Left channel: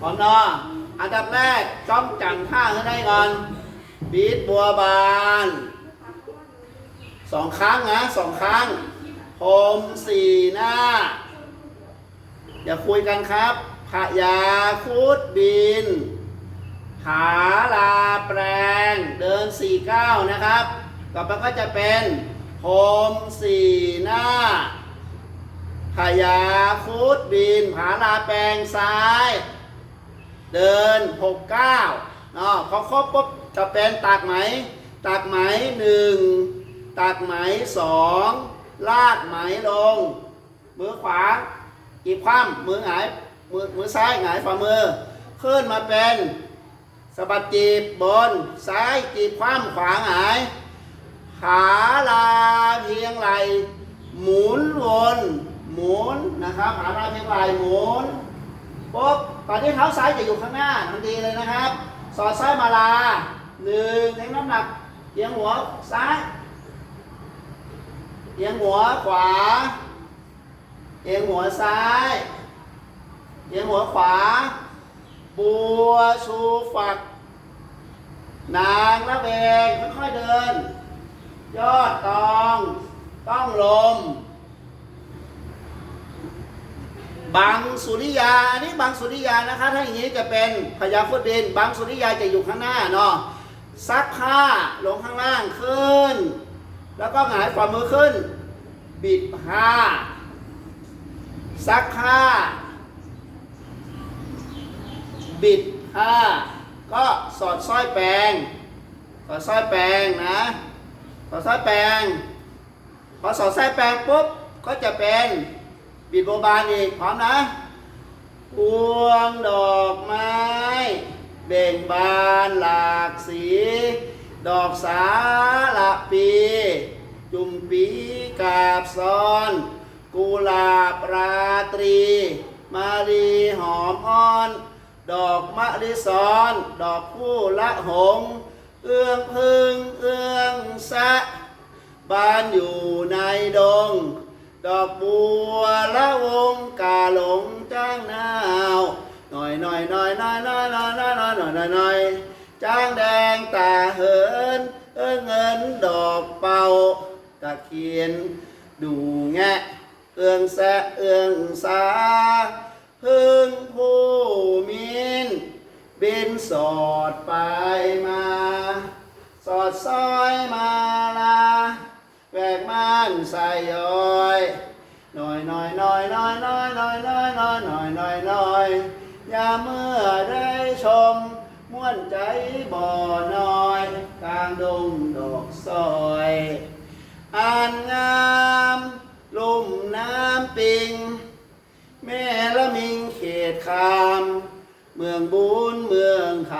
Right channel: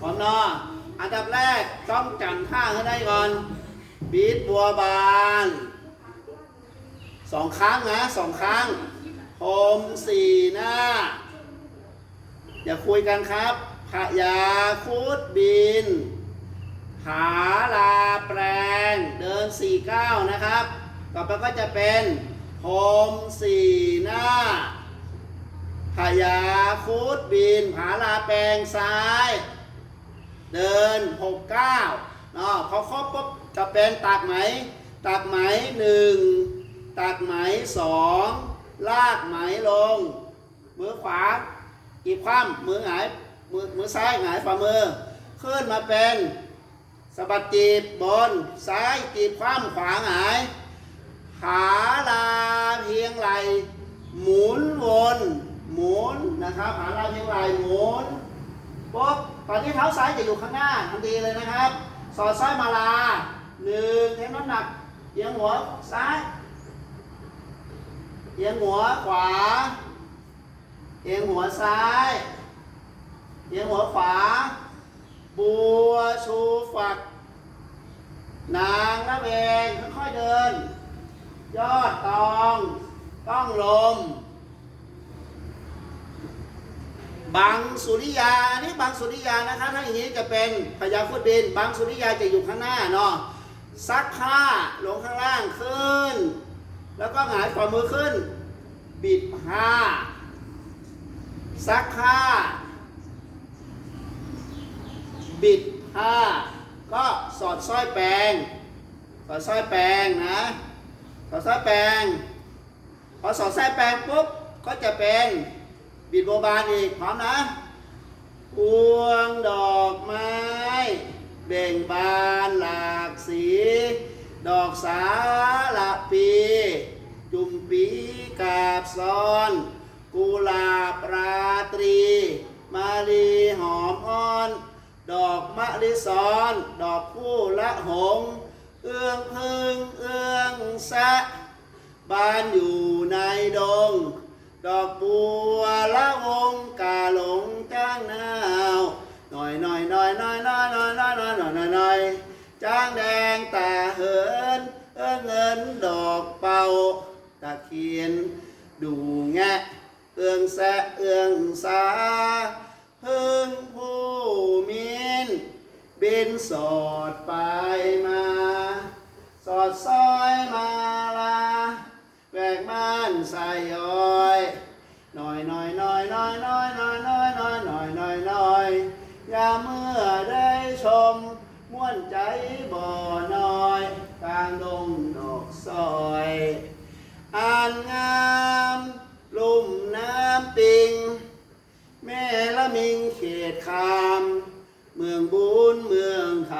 หอมเนาะอันดับแรกจ้องจังท่าให้ได้ก่อนบีดบัวบานสองครั้งนะสองครั้งโฮมสี่หน้า อย่าคุยกันครับขยาคุดบิน หาลาแปลง เดินสี่เก้านะครับ ต่อไปก็จะเป็นโฮมสี่หน้า ขยาคุดบินผาลาแปลงซ้าย เดินหกเก้าเนาะพอครบปุ๊บจะเป็นตักไหมตักไหมหนึ่งตักไหมสองลากไหมลง มือขวากีบคว่ำมือหงายมือมือซ้ายหงายฝ่ามือ ขึ้นมาเป็นสะบัดจีบบน ซ้ายจีบคว่ำขวาหงาย ขาลาเพียงไหลหมุนวน หมุนนะครับขาลาเพียงไหลหมุนปุ๊บตอนที่เท้าซ้ายจะอยู่ข้างหน้าทันทีเลยนะครับ สอดซ้ายมาลาหนึ่งเทงน้ำหนักเอียงหัวซ้ายเอียงหัวขวา เอียงหัวซ้าย เอียงหัวขวา บัวชูฝัก นางนะเบงค่อยๆเดิน ยอดตอง ต้องลม บังสุริยานนี้บังสุริยานะคะ ถ้าอย่างนี้จะเป็นพญาพุทธบินบังสุริยาจะอยู่ข้างหน้าเนาะซักผ้าลงข้างล่างขึ้น แล้วก็หงายฝ่ามือขึ้น บิดผ้า ซักผ้า บิดผ้า ก็สอดสร้อยแปลงสอดสร้อยแปลงนะสอดสร้อยแปลงพอสอดสร้อยแปลงปุ๊บก็จะเป็น บิดโบบานอีกพร้อมนะพวงดอกไม้ เบ่งบานหลากสี ดอกสาละปี จุ่มปีกาบซ้อน กุหลาบราตรี มาลีหอมอ่อน ดอกมะลิซ้อน ดอกคู่ละหง เอื้องพึ่งเอื้องแสะ บ้านอยู่ในดง ดอกบัวละวงกาหลงจ้างนาวหน่อยหน่อยหน่อยหน่อยหน่อยหน่อยหน่อยหน่อยหน่อยหน่อยหน่อยจ้างแดงตาเหินเออเงินดอกเป่าตะเคียนดูแงะเอื้องแสะเอื้องสาพึ่งผู้มินบินสอดไปมา สอดซอยมาลา แวกม่านใส่ย้อยหน่อยหน่อยหน่อยหน่อยหน่อยหน่อยหน่อยหน่อยหน่อยหน่อยหน่อยอย่าเมื่อได้ชมม่วนใจบ่อน้อยกลางดงดอกซอยอ่านงามลุ่มน้ำปิง แม่ละมิงเขตคาม เมืองบุญเมืองค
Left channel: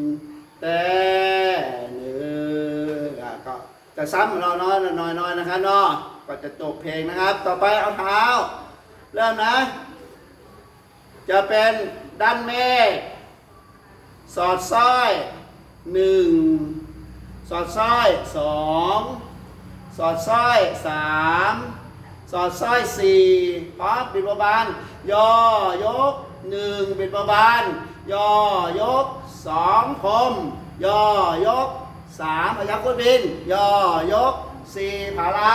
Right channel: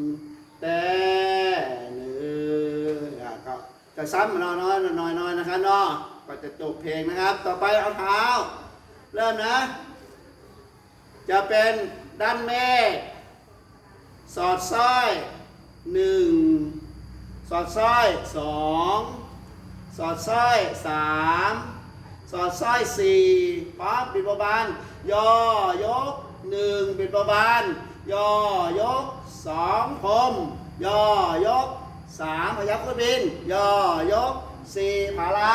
ำแต่ จะซ้ำน้อน้อยน้อยน้อยนะครับเนาะก็จะจบเพลงนะครับ ต่อไปเอาเท้า เริ่มนะ จะเป็นด้านเมสอดสร้อยหนึ่งสอดสร้อยสองสอดสร้อยสามสอดสร้อยสี่พร้อมปิดประบานย่อยกหนึ่งปิดประบานย่อยกสองพรมย่อยก สามพยัคฆ์พุทธบินย่อยกสี่ผาลา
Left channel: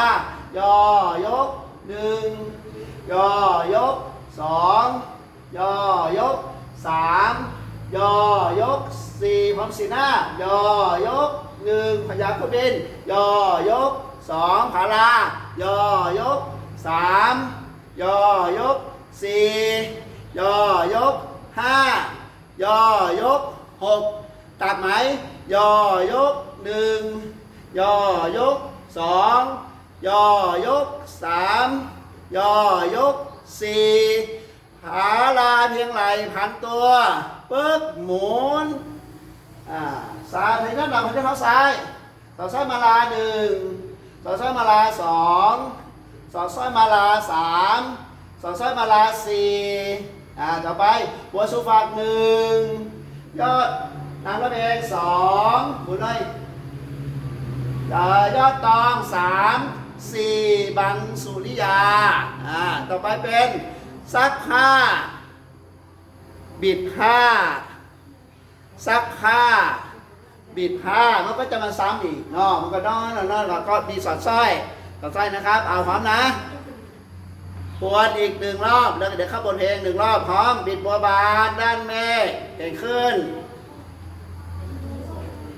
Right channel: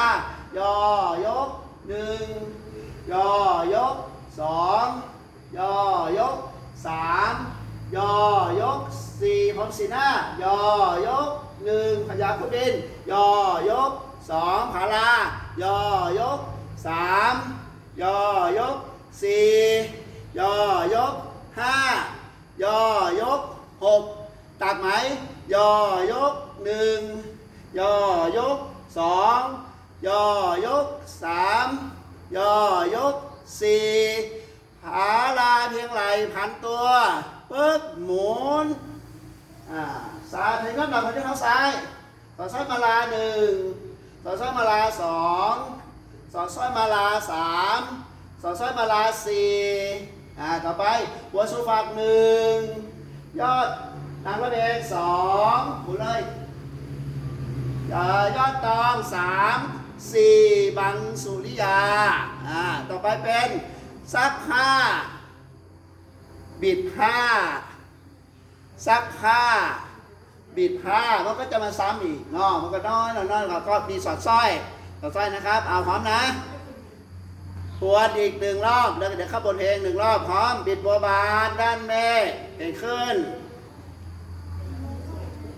ย่อยกหนึ่งย่อยกสองย่อยกสามย่อยกสี่พร้อมสีหน้าย่อยกหนึ่งพยัคฆ์พุทธบินย่อยกสองผาลาย่อยกสามย่อยกสี่ย่อยกห้าย่อยกหกตัดไหมย่อยก หนึ่งย่อยกสองย่อยกสามย่อยกสี่ผาลาเพียงไหลพันตัวปึ๊กหมุนอ่าซ้ายถึงน้ำหนักของเจ้าเท้าซ้ายต่อซ้ายมาลาหนึ่งต่อซ้ายมาลาสองสอดซ้ายมาลาสามสอดซ้ายมาลาสี่อ่าต่อไปหัวสุฟักหนึ่งยอดนางระเบงสองหมุนเลย ยอดตองสามสี่บังสุริยา อ่า ต่อไปเป็นซักผ้าบิดห้าซักห้าบิดห้ามันก็จะมาซ้ำอีกเนาะมันก็น้อยน้อน้อยแล้วก็มีสอดสร้อยสอดสร้อยนะครับ เอาพร้อมนะทวนอีกหนึ่งรอบ แล้วเดี๋ยวเข้าบทเพลงหนึ่งรอบพร้อม บิดบัวบานด้านเมฆเก่งขึ้น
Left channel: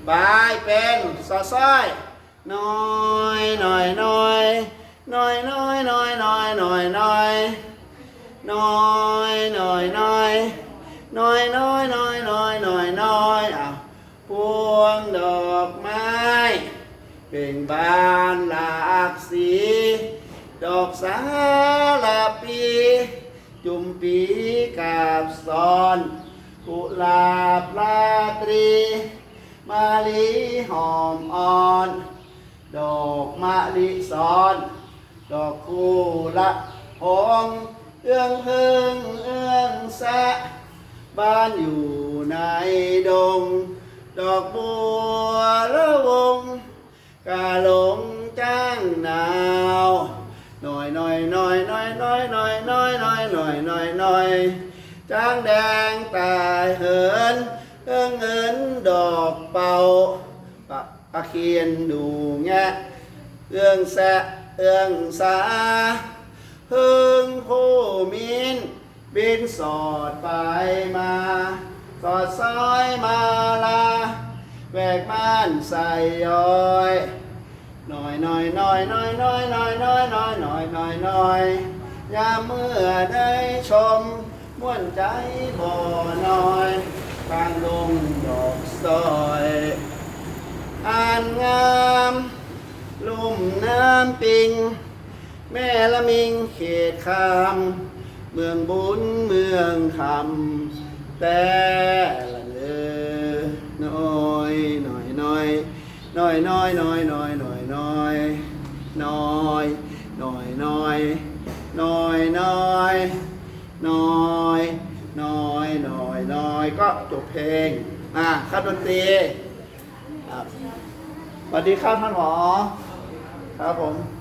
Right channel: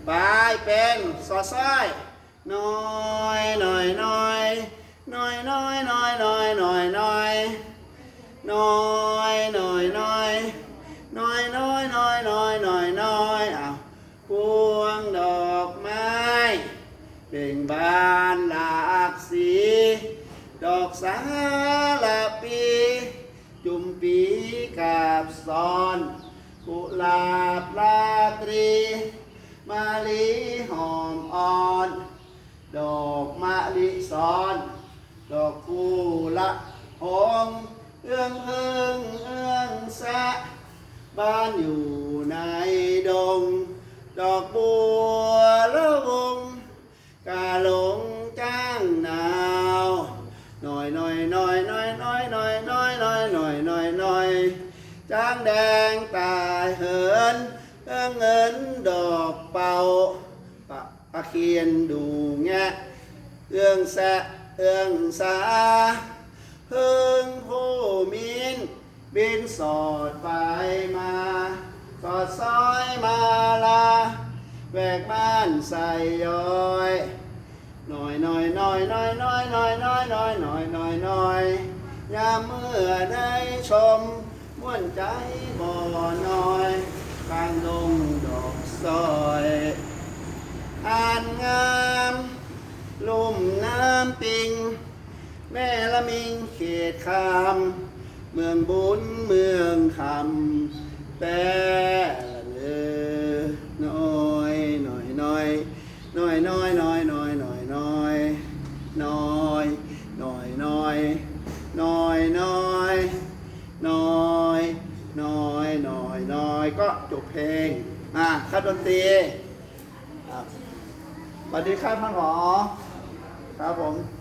บายเป็นสอดสร้อย น้อยน้อยน้อยน้อยน้อยน้อยน้อยน้อยน้อยน้อยน้อยน้อยน้อยน้อย ดอกไม้เบ่งบานหลากสีดอกสาลาปีจุมปีกาบซ้อนกุหลาบราตรีมะลิหอมอ่อนดอกมะลิซ้อน ดอกกุละหงเอื้องพึ่งเอื้องแสะบ้านอยู่ในดง ดอกบัวละวงกาหลงจ้างหนาวหน่อยหน่อยหน่อยหน่อยหน่อยหน่อยหน่อยหน่อยหน่อยหน่อยหน่อยจ้างแดงตายเหินเอื้องเงินดอกเป่า ปะปะเคียนดูแงะเอื้องแสะเอื้องสาพึ่งผู้มินบินสอดไปมาสอดซอยมาลาแวกบ้านใส่ย้อยหน่อยหน่อยหน่อยหน่อยหน่อยหน่อยหน่อยหน่อยหน่อยหน่อยหน่อยยามเมื่อได้ชมม่วนใจบ่น้อยบางดงดอกซอยอ่านงามลุ่มน้ำ ปิง แม่ละมิงเขตคามเมืองบุญเมืองคำแต่ละเนอน้อยน้อยน้อยน้อยน้อยน้อยน้อยน้อยน้อยน้อยน้อยน้อยน้อยน้อยน้อยน้อยน้อยน้อยก็จบเพลงอะครับดนตรีสวัสดีครับท่านหมอครับผม